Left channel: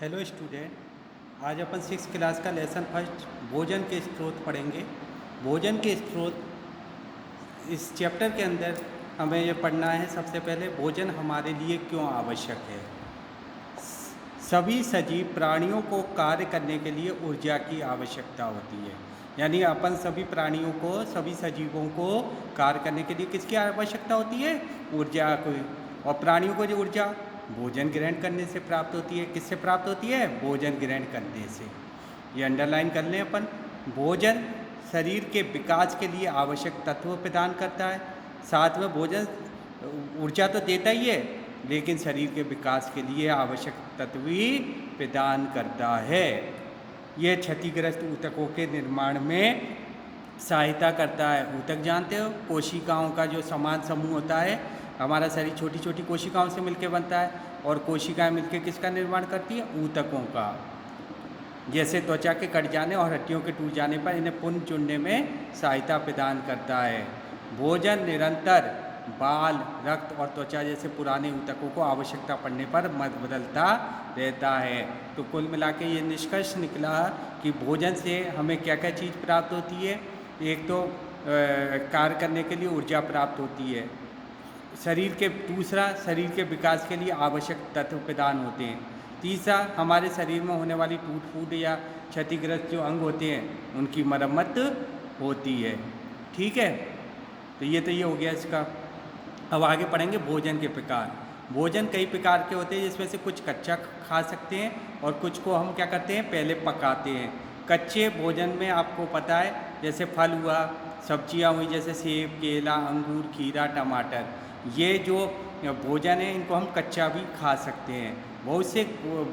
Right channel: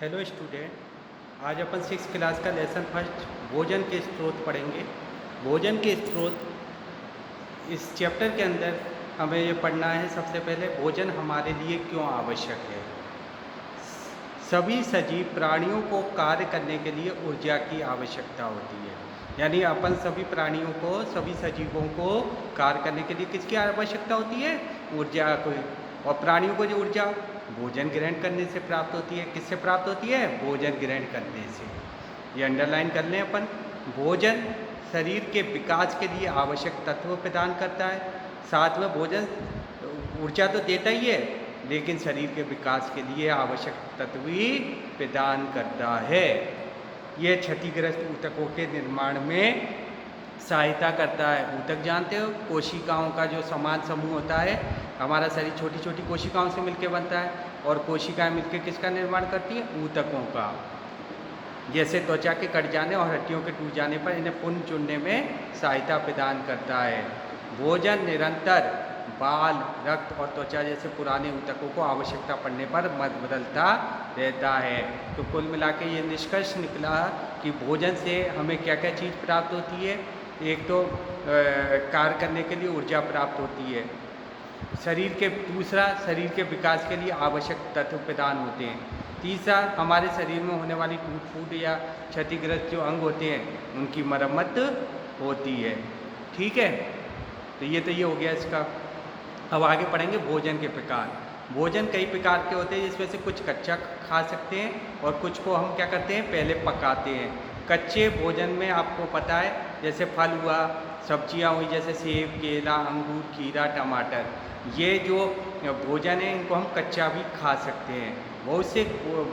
Hello student, आज अपन six class का lesson first भोजन के स्रोत पढ़ेंगे। भोजन के स्रोत इस चैप्टर के अंदर हमें ये पढ़ना है। सबसे पहले भोजन हमारे लिए क्यों आवश्यक है। सभी सजीव प्राणियों को कार्य करने के लिए ऊर्जा की आवश्यकता होती है। यानी अपन सभी प्राणियों को, सभी सजीवों को कार्य करने के लिए किसकी आवश्यकता होती है? ऊर्जा को। और प्राणियों को जो ऊर्जा भोजन ग्रहण करने से प्राप्त होती है। किससे प्राप्त होती है? भोजन ग्रहण करने से। ये अंडरलाइन कर लें अपन। भोजन शरीर के विकास के लिए आवश्यक तत्व प्रदान करता है। साथ में भोजन ऊर्जा तो देता ही है, लेकिन शरीर के विकास के लिए आवश्यक तत्व भी प्रदान करता है। यह क्षतिग्रस्त ऊतकों के निर्माण में सहायता करता है। ऊतक जानते हो, कोशिकाओं का जो समान समूह होता है। हमारा शरीर छोटी छोटी कोशिकाओं से मिलकर बनता है, और कोशिकाएं मिलकर किसका निर्माण करती हैं? ऊतकों का। जैसे त्वचा के कट जाने और हड्डियों के टूट जाने पर इन्हें पुनः जुड़ने में सहायता प्रदान करता है। भोजन निरंतर बाल, रक्त और त्वचा जैसे पुराने ऊतकों को आवश्यकता पड़ने पर मत बदलता रहता है। तो कुल मिला के ये निष्कर्ष निकला कि भोजन से हमें क्या क्या चीज़ प्राप्त होती है। एक तो कार्य करने के लिए ऊर्जा प्राप्त होती है। दूसरा, शरीर के विकास के लिए आवश्यक तत्व प्रदान होते हैं। तीसरा, हमारे शरीर में होने वाली टूट फूट या क्षतिग्रस्त जो अंग होते हैं उनकी मरम्मत होती है। ठीक है, तो ये हो गया इसका। अब आगे पढ़ेंगे भोजन के प्रकार। भोजन कई प्रकार के होते हैं, जिसमें से कुछ कच्चा खा सकते हैं और कुछ को हम क्या करते हैं? पहले पकाते हैं। कच्चे भोजन में आपको पता है, जैसे फल हुआ, सब्जियां हुई, जैसे सेब, केला, अंगूर, खीरा, टमाटर। ये जो भोजन है इनको हम कच्चा भी खा सकते हैं। बहुत से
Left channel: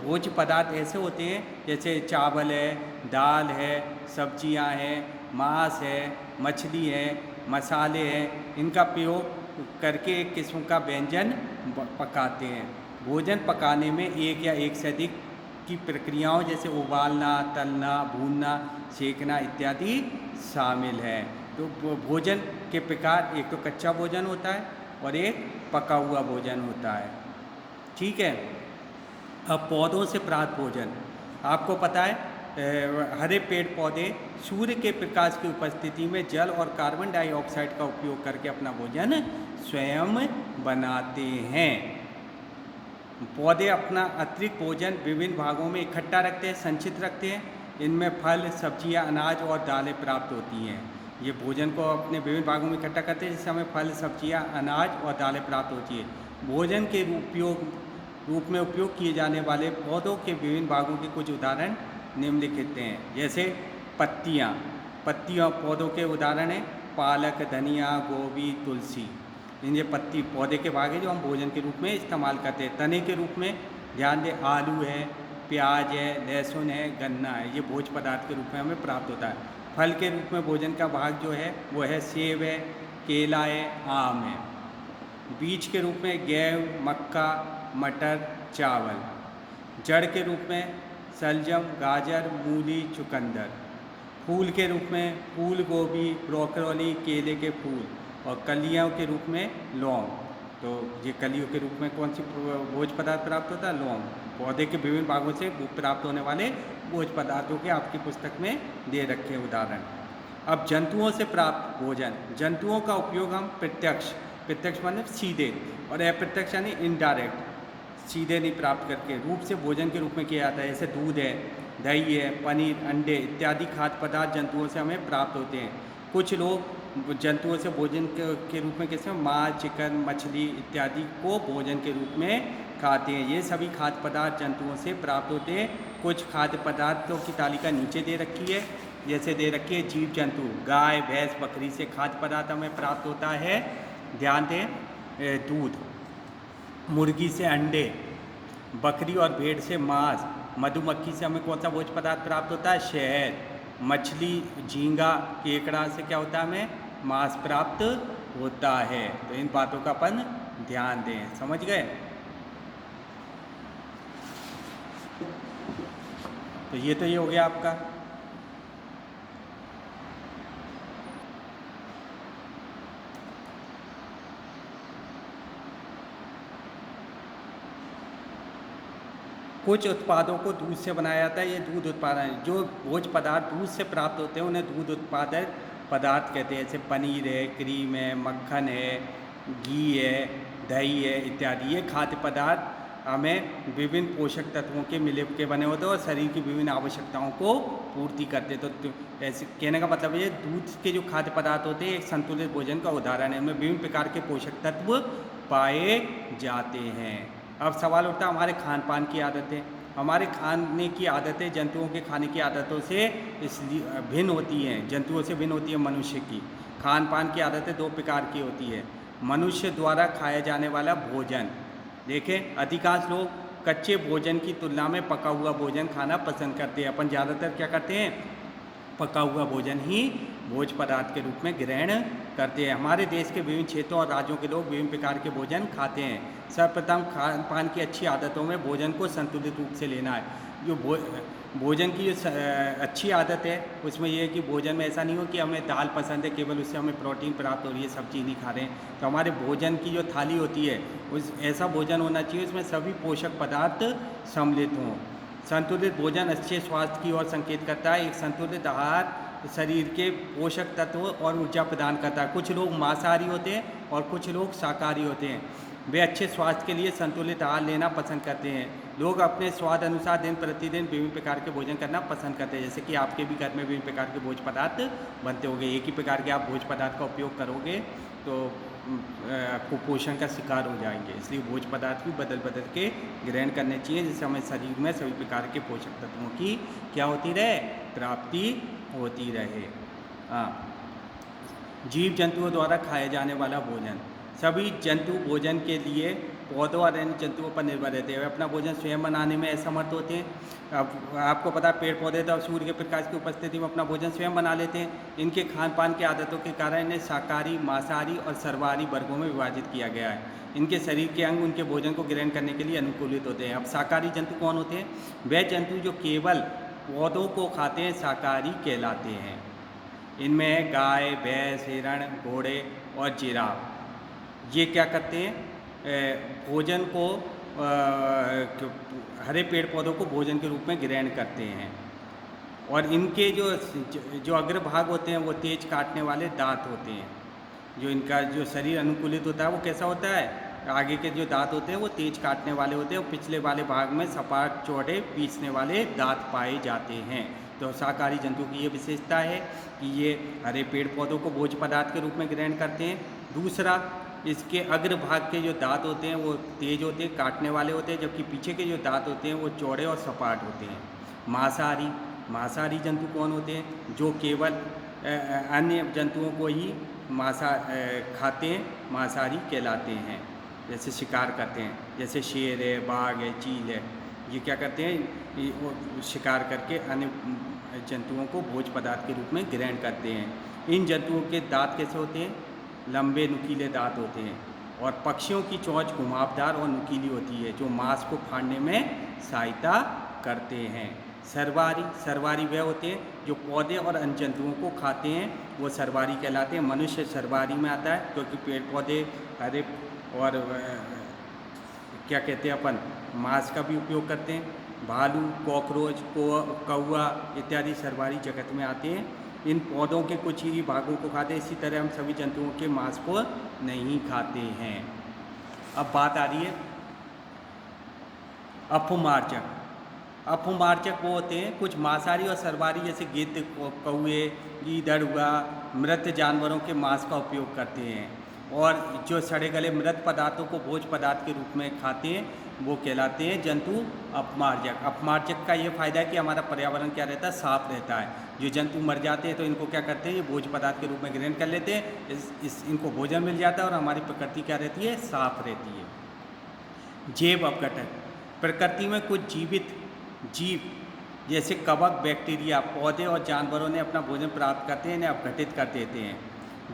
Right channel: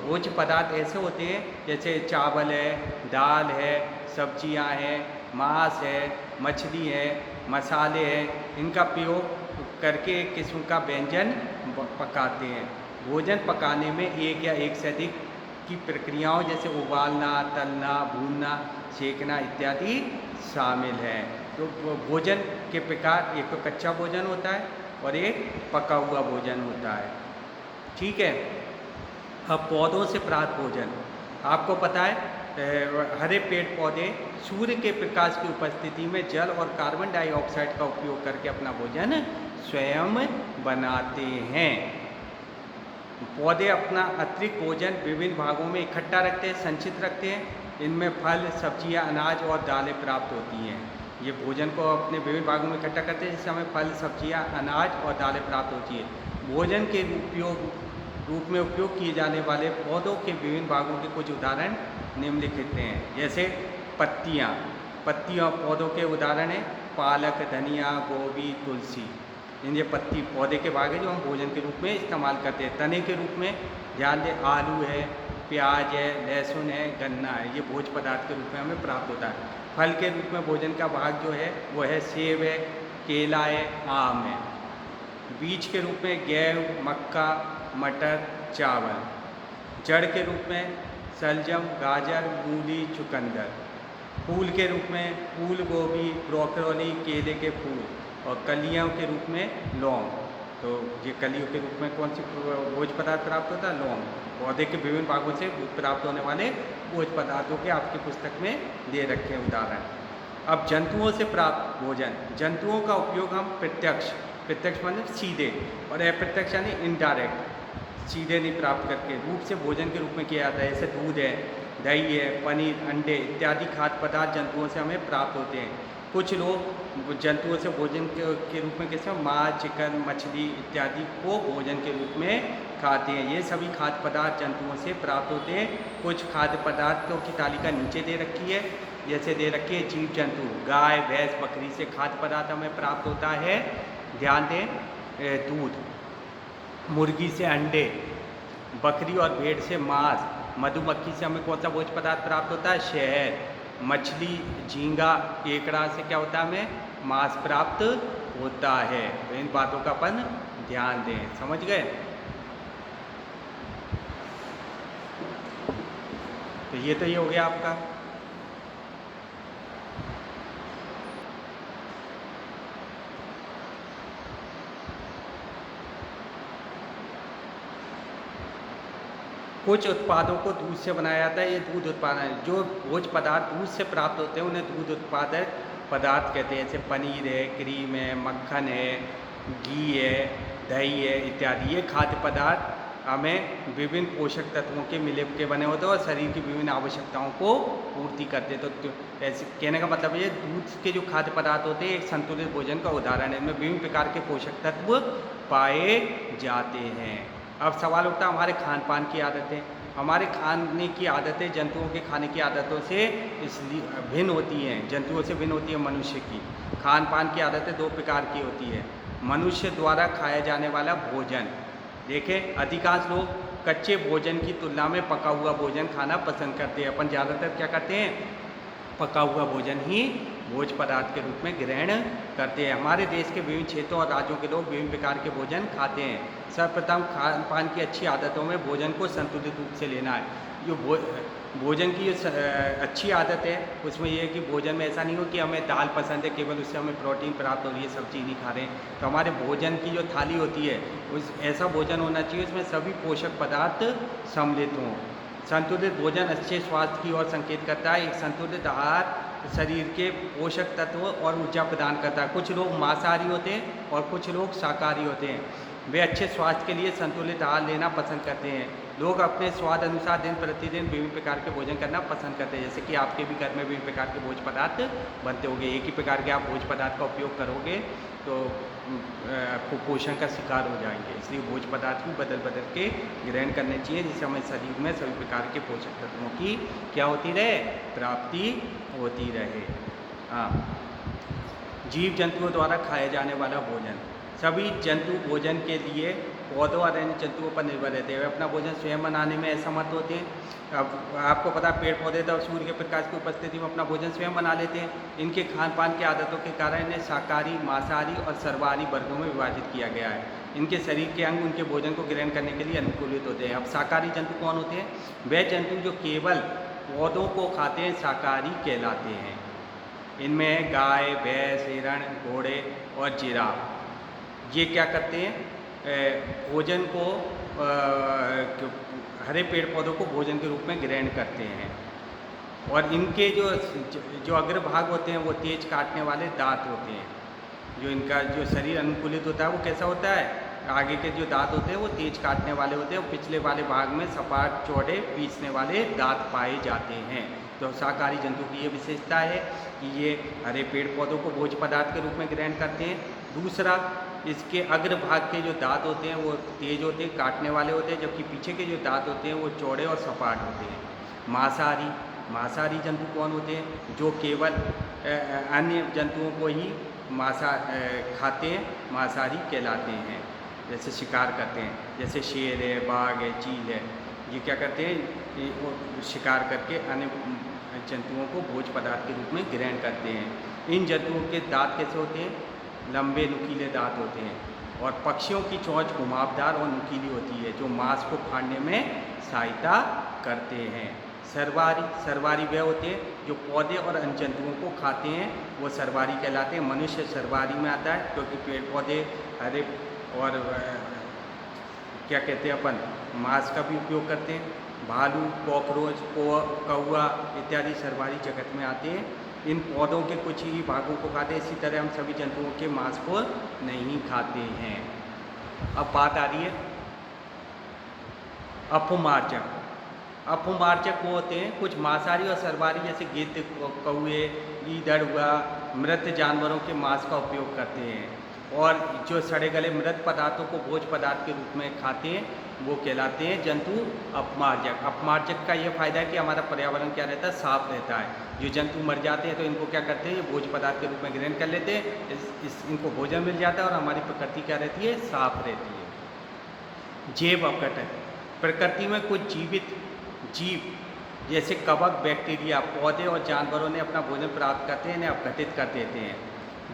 भोज्य पदार्थ ऐसे होते हैं, जैसे चावल है, दाल है, सब्जियां हैं, मांस है, मछली है, मसाले हैं। इनका प्रयोग करके एक किस्म का व्यंजन पकाते हैं। भोजन पकाने में एक या एक से अधिक की प्रक्रियाओं जैसे उबालना, तलना, भूनना, सेकना इत्यादि शामिल हैं। तो भोजन के प्रकार, एक तो कच्चा भोजन होता है और एक पका हुआ भोजन होता है। ठीक है। अब पौधों से प्राप्त भोजन, आपको पता है हरे पेड़ पौधे सूर्य के प्रकाश की उपस्थिति में जल और कार्बन डाइऑक्साइड का उपयोग करके अपना भोजन स्वयं बनाते हैं। पौधे अपना अतिरिक्त भोजन विभिन्न भागों में इकट्ठा रखते हैं, संचित रखते हैं। इनमें फल, सब्जियां, अनाज और दालें प्राप्त होती हैं। ये भोजन को अपने विभिन्न भागों में इकट्ठा करते हैं, जिससे हमें फल, सब्जियां, अनाज और दालें प्राप्त होती है। भोजन के रूप में उपयोग किए जाने वाले पौधों के विभिन्न भागों के कुछ उदाहरण निम्नलिखित हैं। जैसे पत्तियाँ। पत्तियों पौधों के उदाहरण हैं पालक, धनिया, गोभी, तुलसी। ये पत्ती पौधे के भाग हैं जो हम भोजन के रूप में इस्तेमाल करते हैं। तने के रूप में ध्यान दें, आलू है, प्याज है, लहसुन है, गन्ना है। ये भोज्य पदार्थ के रूप में हमें प्राप्त होता है। फल के रूप में भोजन का भाग जो है वो है सेब है, केला है, आम है। बीज के रूप में गेहूँ, मक्का, मटर, चावल। जड़ के रूप में शलजम, गाजर, मूली, चुकंदर। फूल के रूप में फूल गोभी, ब्रोकली, केले के फूल। और कलियों के रूप में लौंग। तो ये कलियों के रूप में कौन सी भोज्य पदार्थ प्राप्त होता है? लौंग। पौधे के विभिन्न भागों से प्राप्त होने वाले भोज्य पदार्थों के आपकी पुस्तक में दे रखे हैं उदाहरण। अब जंतुओं से प्राप्त भोजन। जंतुओं का उपयोग हम प्रत्यक्ष मतलब सीधे, और अप्रत्यक्ष यानी इनडायरेक्ट, सीधे नहीं प्राप्त करके रूप से भोजन के रूप में किया जाता है। जैसे दूध है, दही है, पनीर, अंडे इत्यादि खाद्य पदार्थ जंतुओं से हमें प्राप्त होते हैं। कुछ लोग जंतुओं से भोजन के रूप में कैसे मांस, चिकन, मछली इत्यादि को भोजन के रूप में खाते हैं। ये सभी खाद्य पदार्थ जंतुओं से प्राप्त होते हैं। कुछ खाद्य पदार्थों की तालिका नीचे दे रखी है। जैसे दे रखी है जीव जंतु, गाय, भैंस, बकरी से खाद्य पदार्थ हमें प्राप्त होता है। ध्यान दें, दूध, मुर्गी से अंडे, बकरी और भेड़ से मांस, मधुमक्खी से हमें कौन सा भोज्य पदार्थ प्राप्त होता है? शहद। मछली, झींगा, केकड़ा से क्या होता है? हमें मांस प्राप्त होता है। तो इन बातों का अपन ध्यान दें। समझ गए? तो ये हो गया आपका। कुछ उत्पादों को दूध से बनाया जाता है, ये दूध उत्पादन जो भोज्य पदार्थ दूध से प्राप्त होते हैं उन्हें दूध उत्पादक पदार्थ कहते हैं। जैसे पनीर है, क्रीम है, मक्खन है, घी है, दही है इत्यादि। ये खाद्य पदार्थ हमें विभिन्न पोषक तत्वों के मिले के बने होते हैं और शरीर की विभिन्न आवश्यकताओं को पूर्ति करते हैं। तो ऐसे कहने का मतलब ये दूध के जो खाद्य पदार्थ होते हैं एक संतुलित भोजन का उदाहरण है। इनमें विभिन्न प्रकार के पोषक तत्व पाए जाते हैं। अब सवाल उठता है हमारे खान पान की आदतें। हमारे खाने की आदतें जंतुओं के खाने की आदतों से इसलिए भिन्न होती हैं, जंतुओं से भिन्न होती है मनुष्य की। खान पान की आदतें दो प्रकार की होती है। मनुष्य द्वारा खाया जाने वाला भोजन, देखें अधिकांश लोग कच्चे भोजन की तुलना में पका हुआ भोजन खाना पसंद करते हैं। अपन ज़्यादातर क्या करते हैं, पका हुआ भोजन ही भोज्य पदार्थ के रूप में ग्रहण करते हैं। हमारे देश के विभिन्न क्षेत्रों और राज्यों के लोग विभिन्न प्रकार के भोजन खाते हैं। सर्वप्रथम खान पान की अच्छी आदतों में भोजन को संतुलित रूप से लेना है। जो भोजन की जो अच्छी आदत है उसमें यह है कि भोजन में ऐसा नहीं हो कि हमें दाल पसंद है, केवल उससे हमें प्रोटीन प्राप्त हो रही है, सब्जी नहीं खा रहे हैं। तो हमारे भोजन की जो थाली होती है उस ऐसा भोजन होना चाहिए उसमें सभी पोषक पदार्थ सम्मिलित हों। संतुलित भोजन अच्छे स्वास्थ्य की ओर संकेत करता है। एक संतुलित आहार शरीर के पोषक तत्व और ऊर्जा प्रदान करता है। कुछ लोग मांसाहारी होते हैं और कुछ लोग शाकाहारी होते हैं। वे अच्छे स्वास्थ्य के लिए संतुलित आहार लेना पसंद करते हैं। लोग अपने स्वाद अनुसार दिन प्रतिदिन विभिन्न प्रकार के भोजन करना पसंद करते हैं। जैसे कि आपके भी घर में विभिन्न प्रकार के भोज्य पदार्थ बनते होंगे। एक ही प्रकार के आप भोज्य पदार्थ का उपयोग करोगे तो कुपोषण का शिकार हो जाएंगे। इसलिए भोज्य पदार्थ भी बदल बदल के ग्रहण करने चाहिए जिससे हमें शरीर में सभी प्रकार के पोषक तत्वों की क्या होती रहे, प्राप्ति होती रहे। हाँ, जीव जंतुओं द्वारा खाया जाने वाला भोजन। सभी जंतु भोजन के लिए पौधों और अन्य जंतुओं पर निर्भर रहते हैं। वे अपना भोजन स्वयं बनाने में असमर्थ होते हैं। अब आपको पता पेड़ पौधे तब सूर्य के प्रकाश की उपस्थिति में अपना भोजन स्वयं बना लेते हैं। इनके खान पान की आदतों के कारण इन्हें शाकाहारी, मांसाहारी और सर्वाहारी वर्गों में विभाजित किया गया है। इनके शरीर के अंग उनके भोजन को ग्रहण करने के लिए अनुकूलित होते हैं। अब शाकाहारी जंतु कौन होते हैं? वे जंतु जो केवल पौधों को खाते हैं शाकाहारी कहलाते हैं। इनमें गाय, भैंस, हिरण, घोड़े और जिराफ ये क्या करते हैं, भोजन को हरे पेड़ पौधों को भोजन के रूप में ग्रहण करते हैं। और इनके जो अग्रभाग होते हैं वो तेज काटने वाले दांत होते हैं। जो इनका जो शरीर अनुकूलित होता है वो कैसा होता है, आगे के जो दांत होते हैं वो तेज काटने वाले होते हैं और पिछले वाले भाग में सपाट चौड़े पीसने वाले दांत पाए जाते हैं। तो शाकाहारी जंतु की ये विशेषता है कि ये हरे पेड़ पौधों को भोज्य पदार्थ के रूप में ग्रहण करते हैं। दूसरा, इसके अग्रभाग के जो दांत होते हैं वो तेज होते हैं, काटने वाले होते हैं, जबकि पीछे के जो दांत होते हैं वो चौड़े और सपाट होते हैं। मांसाहारी जंतु कौन होते हैं? जो केवल अन्य जंतुओं को ही खाते हैं, मांसाहारी कहलाते हैं। जैसे शिकार करते हैं, जैसे शेर है, बाघ है, चील है, ये क्या करते हैं, शिकार करके अन्य जंतुओं को भोज्य पदार्थ के रूप में ग्रहण करते हैं। इन जंतुओं के दांत कैसे होते हैं? लंबे नुकीले दांत होते हैं। और पक्षियों की चोंच घुमावदार और नुकीली होती है जो मांस को फाड़ने में सहायता करते हैं। सर्वाहारी वे होते हैं जो पौधे और अन्य जंतुओं को खाते हैं, वो सर्वाहारी कहलाते हैं। मनुष्य सर्वाहारी में आता है क्योंकि पेड़ पौधे हरे और क्या कहते हैं अपन मांस का भी उपयोग करते हैं। भालू, कॉकरोच, कौवा इत्यादि सर्वाहारी जगत में आते हैं। इन पौधों के कुछ ही भागों को खाते हैं। इसी तरह हम सभी जंतुओं के मांस को नहीं खाते हैं। अब बात आ रही है अपमार्जक। अपमार्जक वो होते हैं कुछ मांसाहारी और सर्वाहारी जैसे गिद्ध, कौवे, गीदड़ हुआ, मृत जानवरों के मांस का उपयोग करते हैं। और जो सड़े गले मृत पदार्थों को भोज्य पदार्थ के रूप में खाते हैं वो कहलाते हैं जंतु अपमार्जक। अपमार्जक का ये फायदा है कि हमारा पर्यावरण क्या रहता है, साफ रहता है। जो जंतु मर जाते हैं तो इनको क्या करते हैं, ये भोज्य पदार्थ के रूप में ग्रहण कर लेते हैं। इनको भोजन मिल जाता है और हमारी प्रकृति क्या रहती है, साफ रहती है। जैव अपघटन। प्रकृति में कुछ जीवित जीव जैसे कवक, बैक्टीरिया, पौधे और जानवरों ने अपना भोजन प्राप्त करते हैं, इन्हें अपघटित कर देते हैं।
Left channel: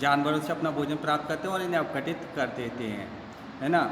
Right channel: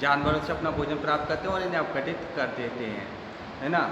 जानवरों से अपना भोजन प्राप्त करते हैं और इन्हें अपघटित कर देते हैं, है ना।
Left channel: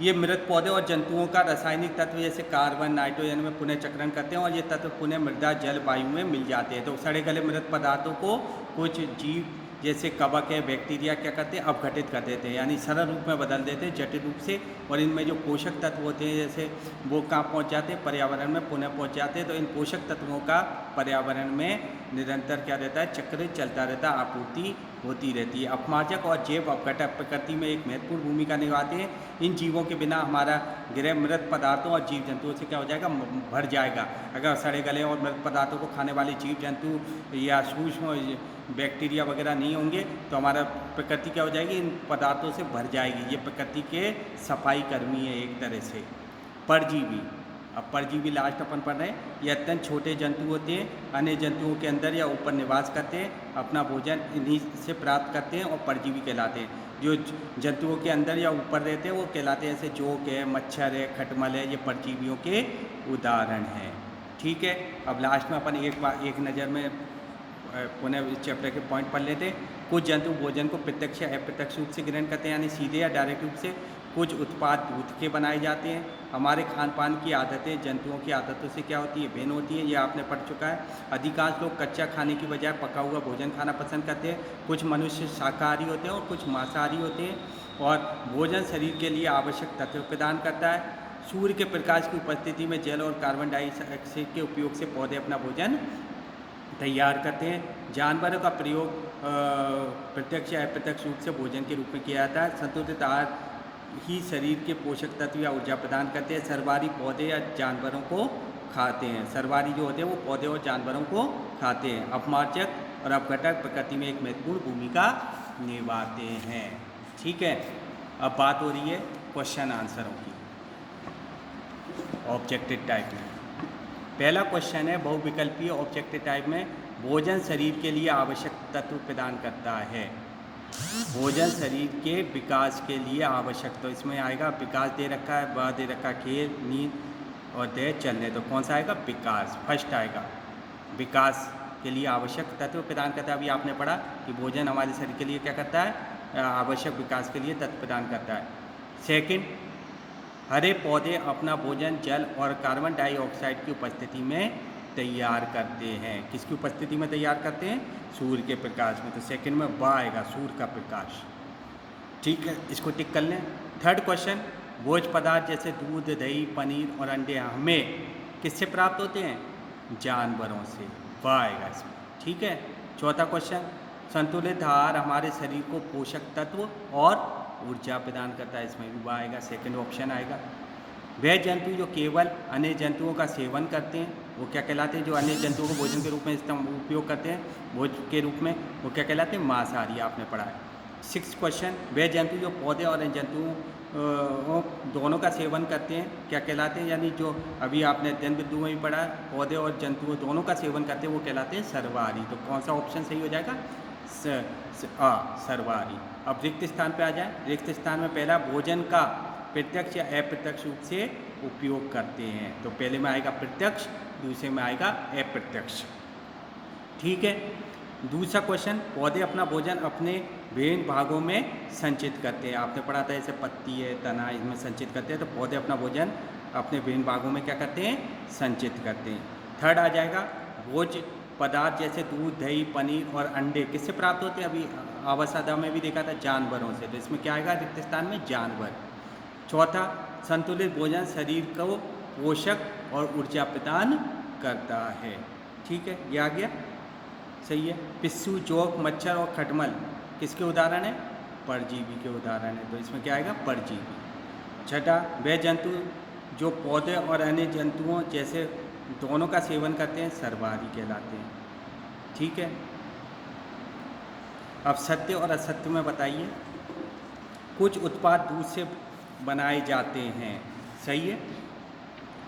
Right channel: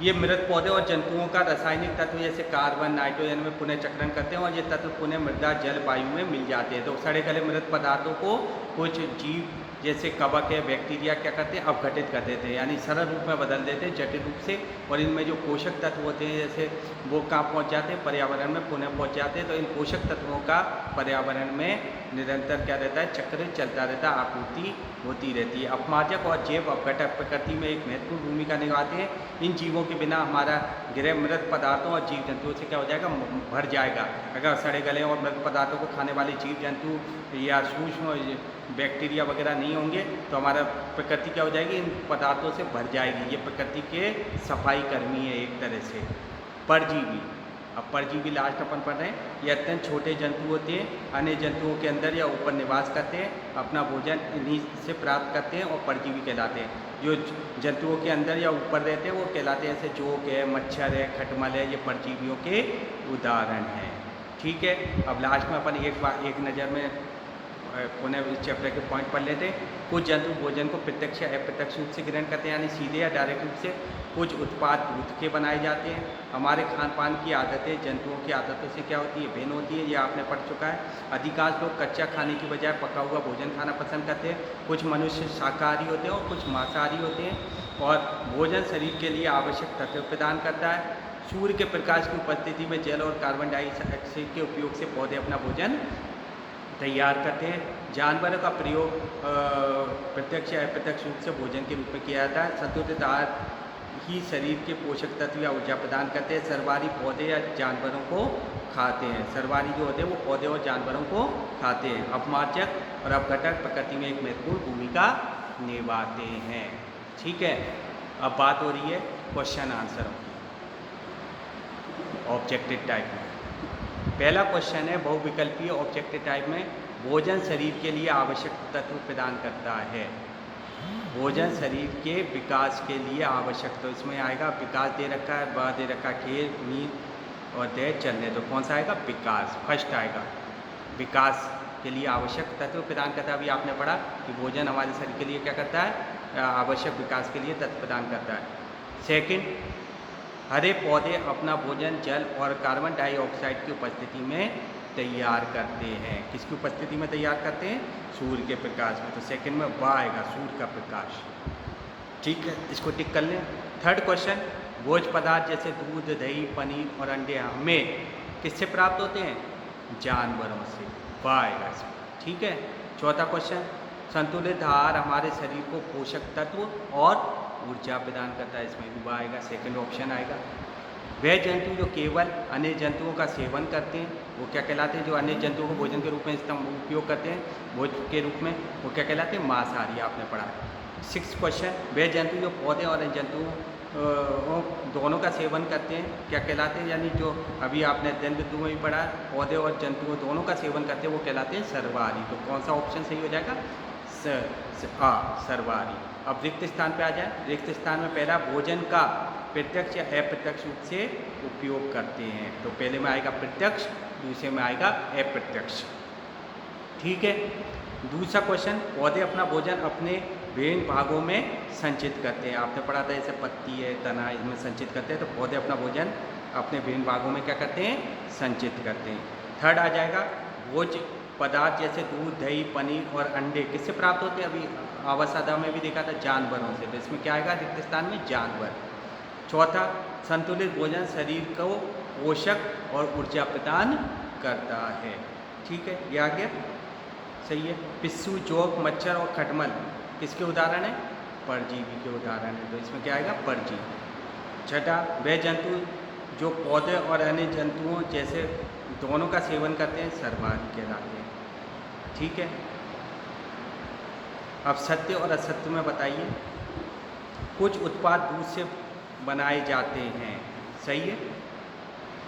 ये मृत पौधे और जंतुओं का रासायनिक तत्व जैसे कार्बन, नाइट्रोजन में पुनः चक्रण करते हैं और ये तत्व पुनः मृदा, जल, वायु में मिल जाते हैं। तो सड़े गले मृत पदार्थों को कुछ जीव जैसे कवक है, बैक्टीरिया क्या करते हैं, अपघटित कर देते हैं, यानी सरल रूप में बदल देते हैं जटिल रूप से। और इनमें जो पोषक तत्व होते हैं जैसे वो कहाँ पहुँच जाते हैं, पर्यावरण में पुनः पहुँच जाते हैं। तो इन पोषक तत्वों का पर्यावरण में निरंतर क्या रहता है, चक्र चलता रहता है, आपूर्ति होती रहती है। अपमार्जक और जैव अपघटक प्रकृति में एक महत्वपूर्ण भूमिका निभाते हैं। इन जीवों के बिना हमारा गृह मृत पदार्थों और जीव जंतुओं से क्या हो जाएगा, भर जाएगा। अगर सड़े गले और मृत पदार्थों को खाने वाले जीव जंतु या सूक्ष्म बैक्टीरिया वगैरह नहीं होंगे तो हमारा प्रकृति क्या हो जाएगी, इन पदार्थों से भर जाएगी। ये प्रकृति के सफाई कर्मी है एक तरह से। परजीवी, अब परजीवी लास्ट अपन पढ़ रहे हैं। ये अत्यंत छोटे जंतु होते हैं, अन्य जंतुओं के अंदर या ऊपर निवास करते हैं, अपना भोजन इन्हीं से प्राप्त करते हैं और परजीवी कहलाते हैं। जो जंतुओं के अंदर या ऊपर रहते हैं वो कहलाते हैं, जैसे जोक है, मच्छर है, खटमल है, ये परजीवियों के उदाहरण हैं। ठीक है, अब लास्ट में अपन एक नज़र में पुनः इस चैप्टर के पॉइंट पढ़ लेते हैं। कुछ जंतु भोजन को प्रत्यक्ष या अप्रत्यक्ष रूप से ग्रहण करते हैं, यानी सीधे या डायरेक्ट रूप से। कुछ उत्पाद दूध के बनाए जाते हैं। हमारे खान पान की आदतें जंतुओं की आदतों से क्या होती है, भिन्न होती है, ये आपने पढ़ चुका है। अधिकांश लोग कच्चा खाने की बजाय पका हुआ भोजन खाना पसंद करते हैं। कुछ मनुष्य शाकाहारी होते हैं और कुछ मांसाहारी होते हैं। और भोजन शरीर के लिए आवश्यक तत्व प्रदान करता है। सूर्य के प्रकाश की उपस्थिति में जल और कार्बन डाइऑक्साइड के उपयोग से पौधे अपना भोजन तैयार करते हैं। जानवरों का प्रयोग प्रत्यक्ष या अप्रत्यक्ष रूप से भोजन के रूप में किया जाता है। संतुलित आहार ही शरीर के पोषक तत्व या ऊर्जा प्रदान करते हैं। सर्वाहारी पौधे या जानवरों को खाते हैं। सर्वाहारी जो होते हैं वो पौधे और जानवरों को खाते हैं। अपमार्जक और अपघटक प्रकृति में एक महत्वपूर्ण भूमिका निभाते हैं। ठीक है, अब बात हो रही है क्वेश्चन आंसरों की ऑब्जेक्टिव टाइप में। पहला क्वेश्चन है बहुविकल्पीय ऑब्जेक्टिव टाइप में, भोजन शरीर के लिए आवश्यक तत्व प्रदान करता है। भोजन शरीर के विकास के लिए आवश्यक, तो इसमें आएगा विकास दे रखा है, ब दे रखा है खेल, नींद और देह चलने। तो कौन सा आएगा, विकास फर्स्ट आएगा। विकास के लिए आवश्यक तत्व प्रदान करता है। अभी आपने पढ़ा कि भोजन हमारे शरीर के लिए क्या करता है, आवश्यक विकास के लिए तत्व प्रदान करता है। सेकंड, हरे पौधे अपना भोजन जल और कार्बन डाइऑक्साइड की उपस्थिति में तैयार करते हैं। किसकी उपस्थिति में तैयार करते हैं, सूर्य के प्रकाश में। तो सेकंड में ब आएगा, सूर्य का प्रकाश। ठीक है, इसको टिक कर लें। थर्ड क्वेश्चन, भोज्य पदार्थ जैसे दूध, दही, पनीर और अंडे हमें किससे प्राप्त होते हैं, जानवरों से। ब आएगा इसमें। ठीक है। चौथा क्वेश्चन, संतुलित आहार हमारे शरीर को पोषक तत्व और ऊर्जा प्रदान करता है। इसमें भी ब आएगा, सेकंड ऑप्शन आएगा। वह जंतु जो केवल अन्य जंतुओं का सेवन करते हैं वो क्या कहलाते हैं, जो अन्य जंतुओं को भोजन के रूप में उपयोग करते हैं भोजन के रूप में, वो क्या कहलाते हैं, मांसाहारी। आपने पढ़ा। सिक्स क्वेश्चन, वह जंतु जो पौधे और अन्य जंतुओं दोनों का सेवन करते हैं क्या कहलाते हैं, यानी जो अभी आपने दिन बिंदु में भी पढ़ा, पौधे और जंतुओं दोनों का सेवन करते हैं वो कहलाते हैं सर्वाहारी। तो कौन सा ऑप्शन सही हो जाएगा, सर्वाहारी। अब रिक्त स्थान पे आ जाए। रिक्त स्थान में पहला, भोजन का प्रत्यक्ष या अप्रत्यक्ष रूप से उपयोग करते हैं। तो पहले में आएगा प्रत्यक्ष, दूसरे में आएगा अप्रत्यक्ष। ठीक है। दूसरा क्वेश्चन, पौधे अपना भोजन अपने विभिन्न भागों में संचित करते हैं। आपने पढ़ा था जैसे पत्ती है, तना है, इनमें संचित करते हैं। तो पौधे अपना भोजन अपने विभिन्न भागों में क्या करते हैं, संचित करते हैं। थर्ड आ जाएगा, भोज्य पदार्थ जैसे दूध, दही, पनीर और अंडे किससे प्राप्त होते हैं, अभी आवासादा में भी देखा था, जानवरों से। तो इसमें क्या आएगा, रिक्त स्थान में जानवर। चौथा, संतुलित भोजन शरीर को पोषक और ऊर्जा प्रदान करता है। ठीक है, ये आ गया, सही है। पिस्सू, जोक, मच्छर और खटमल किसके उदाहरण है, परजीवी के उदाहरण है। तो इसमें क्या आएगा, परजीवी। छठा, वह जंतु जो पौधे और अन्य जंतुओं जैसे दोनों का सेवन करते हैं सर्वाहारी कहलाते हैं। ठीक है। अब सत्य और असत्य में बताइए। कुछ उत्पाद दूध से बनाए जाते हैं, सही है,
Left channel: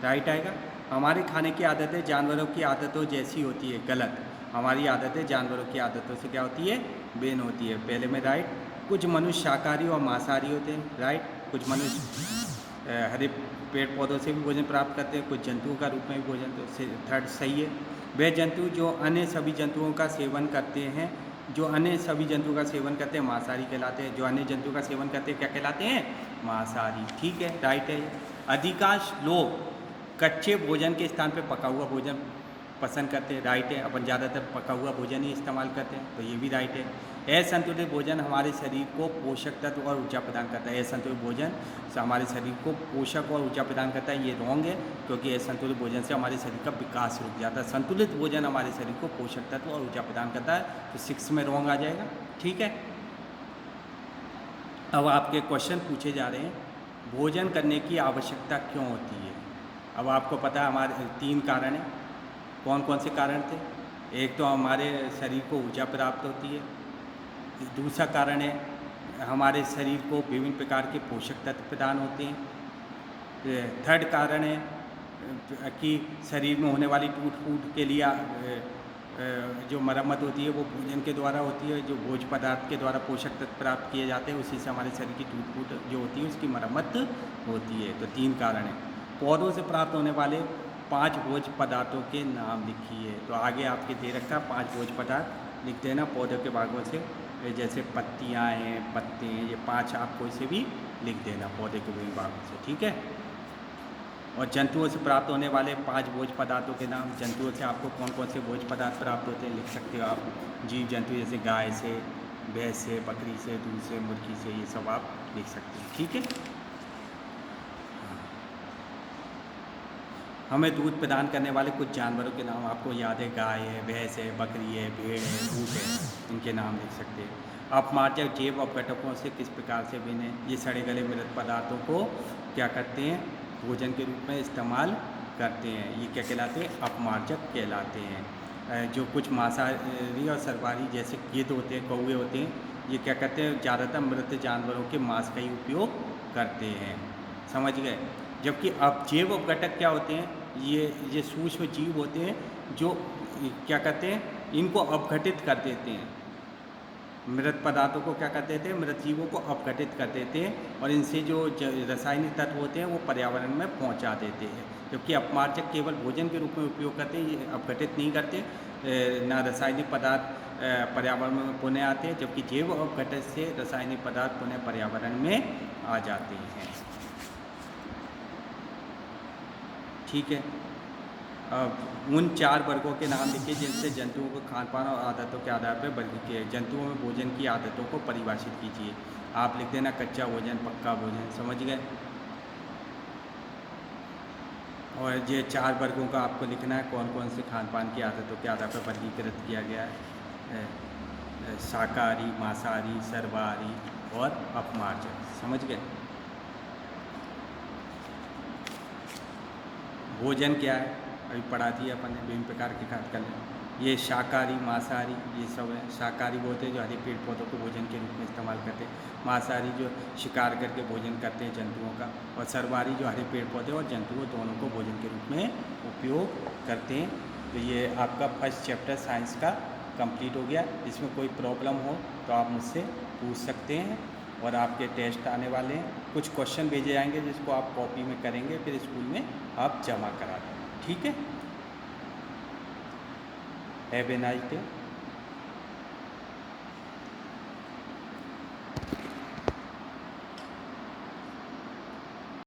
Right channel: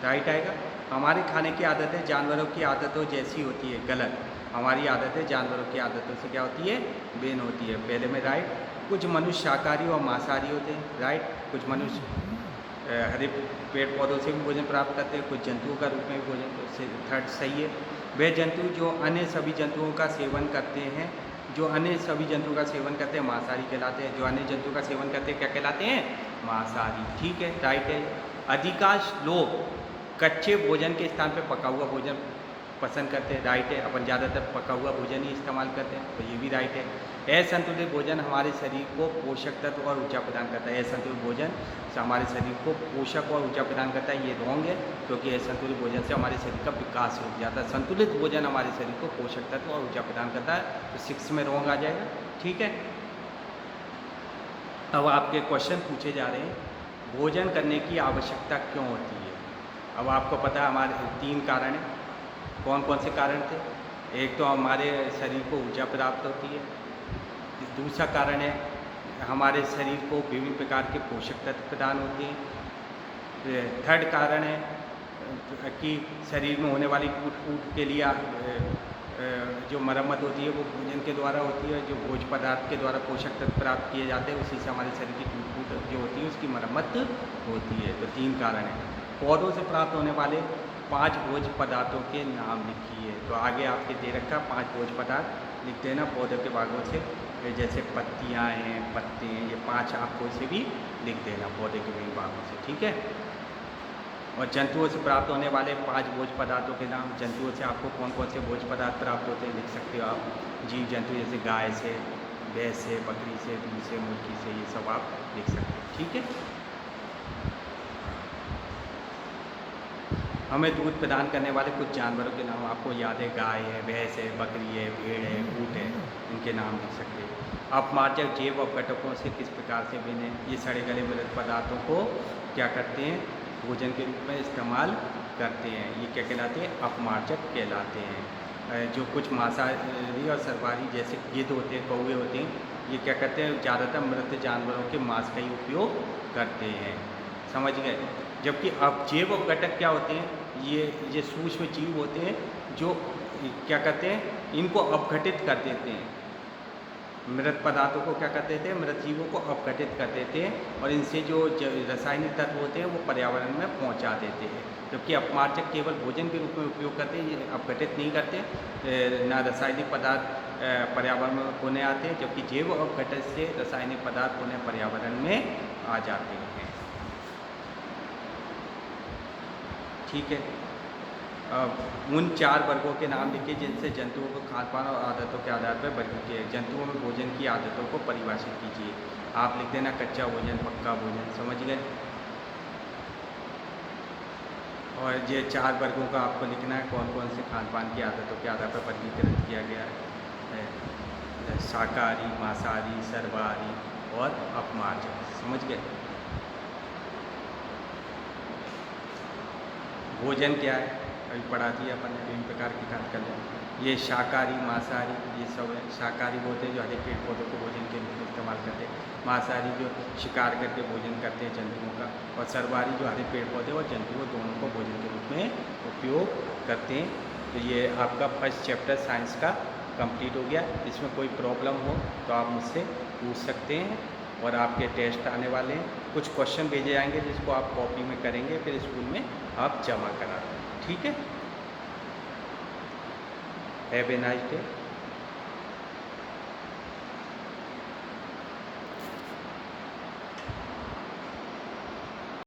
राइट आएगा। हमारी खाने की आदतें जानवरों की आदतों जैसी होती है, गलत। हमारी आदतें जानवरों की आदतों से क्या होती है, भिन्न होती है। पहले में राइट। कुछ मनुष्य शाकाहारी और मांसाहारी होते हैं, राइट। कुछ मनुष्य हरे पेड़ पौधों से भी भोजन प्राप्त करते हैं, कुछ जंतुओं का रूप में भी भोजन, थर्ड सही है। वे जंतु जो अन्य सभी जंतुओं का सेवन करते हैं, जो अन्य सभी जंतुओं का सेवन करते हैं मांसाहारी कहलाते हैं। जो अन्य जंतुओं का सेवन करते हैं क्या कहलाते हैं, मांसाहारी। ठीक है, राइट है। अधिकांश लोग कच्चे भोजन के स्थान पर पका हुआ भोजन पसंद करते हैं, राइट है। अपन ज़्यादातर पका हुआ भोजन ही इस्तेमाल करते हैं, तो ये भी राइट है। असंतुलित भोजन हमारे शरीर को पोषक तत्व और ऊर्जा प्रदान करता है। असंतुलित भोजन से हमारे शरीर को पोषक और ऊर्जा प्रदान करता है, ये रॉन्ग है, क्योंकि असंतुलित भोजन से हमारे शरीर का विकास रुक जाता है। संतुलित भोजन हमारे शरीर को पोषक तत्व और ऊर्जा प्रदान करता है, तो 6 में रॉन्ग आ जाएगा। ठीक है। अब आपके क्वेश्चन पूछे जा रहे हैं, भोजन करने की आवश्यकता क्यों होती है। अब आपको पता है हमारे 3 कारण हैं। कौन कौन से कारण थे? एक तो हमारे शरीर को ऊर्जा प्राप्त होती है, दूसरा कारण है हमारे शरीर को विभिन्न प्रकार के पोषक तत्व प्रदान होते हैं, थर्ड कारण है कि शरीर में होने वाली टूट फूट के लिए जो मरम्मत होती है वो भोजन के द्वारा होती है। जो भोज्य पदार्थ के द्वारा पोषक तत्व प्राप्त किए जाते हैं, उसी से हमारे शरीर की टूट फूट जो होती है उसकी मरम्मत होती है। तो 3 कारण हैं। पौधों से प्राप्त होने वाले 5 भोज्य पदार्थों के नाम लिखिए। तो आगे आपके दे रखा 5 भोज्य पदार्थ लिख देना पौधों के भागों से, जैसे पत्तियाँ हैं, पत्ते हैं, ये 5 आपको इसे भी लिख देना पौधे के विभिन्न भागों से। ठीक है। और जंतुओं से प्राप्त होने वाले 5 भोज्य पदार्थों के नाम। जंतुओं से आपको कौन कौन से भोज्य पदार्थ प्राप्त होते हैं लिख सकते हो आप। जीव जंतु जैसे गाय से, भैंस से, बकरी से, दूध से, मुर्गी से, ये सब आप लिख सकते हैं। ठीक है। हमें दूध प्रदान करने वाले कुछ जानवरों के नाम आपको याद है, गाय है, भैंस है, बकरी है, भेड़ है, ऊँट है, इनके नाम लिख सकते हैं। अपमार्जक जैव अपघटकों से किस प्रकार से बने। ये सड़े गले मृत पदार्थों को क्या करते हैं, भोजन के रूप में इस्तेमाल करते हैं। ये क्या कहलाते हैं, अपमार्जक कहलाते हैं। जो कुछ मांसाहारी और सर्वाहारी जैसे गिद्ध होते हैं, कौवे होते हैं, ये क्या करते हैं, ज़्यादातर मृत जानवरों के मांस का ही उपयोग करते हैं। समझ गए। जबकि अब जैव अपघटक क्या होते हैं, ये सूक्ष्म जीव होते हैं जो क्या करते हैं, इनको अपघटित कर देते हैं। मृत पदार्थों को क्या कर देते हैं, मृत जीवों को अपघटित कर देते हैं, और इनसे जो रासायनिक तत्व होते हैं वो पर्यावरण में पहुंचा देते हैं। जबकि अपमार्जक केवल भोजन के रूप में उपयोग करते हैं, ये अपघटित नहीं करते, ना रासायनिक पदार्थ पर्यावरण में पुनः आते हैं, जबकि जैव अपघटक से रासायनिक पदार्थ पुनः पर्यावरण में आ जाते हैं। ठीक है। उन 4 वर्गों के नाम लिखिए जिनसे जंतुओं को खान-पान और आदतों के आधार पर वर्गीकृत। जंतुओं में भोजन की आदतों को परिभाषित कीजिए। आप लिख देना कच्चा भोजन, पक्का भोजन। समझ गए। और ये 4 वर्गों का आपको लिखना है, कौन कौन से खान-पान की आदतों के आधार पर वर्गीकृत किया गया है। शाकाहारी, मांसाहारी, सर्वाहारी और अपमार्जक। समझ गए। भोजन क्या है, अभी पढ़ा दिया अपन ने, विभिन्न प्रकार के खाद्य कर लें। ये शाकाहारी, मांसाहारी, ये सब है। शाकाहारी वो होते हैं जो हरे पेड़ पौधों को भोजन के रूप में इस्तेमाल करते हैं। मांसाहारी जो शिकार करके भोजन करते हैं जंतुओं का। और सर्वाहारी जो हरे पेड़ पौधे और जंतुओं दोनों को भोजन के रूप में उपयोग करते हैं। तो ये आपका फर्स्ट चैप्टर साइंस का कंप्लीट हो गया। इसमें कोई प्रॉब्लम हो तो आप मुझसे पूछ सकते हैं। और आपके टेस्ट आने वाले हैं, कुछ क्वेश्चन भेजे जाएंगे जिसको आप कॉपी में करेंगे, फिर स्कूल में आप जमा करा दें। ठीक है। Have a nice day.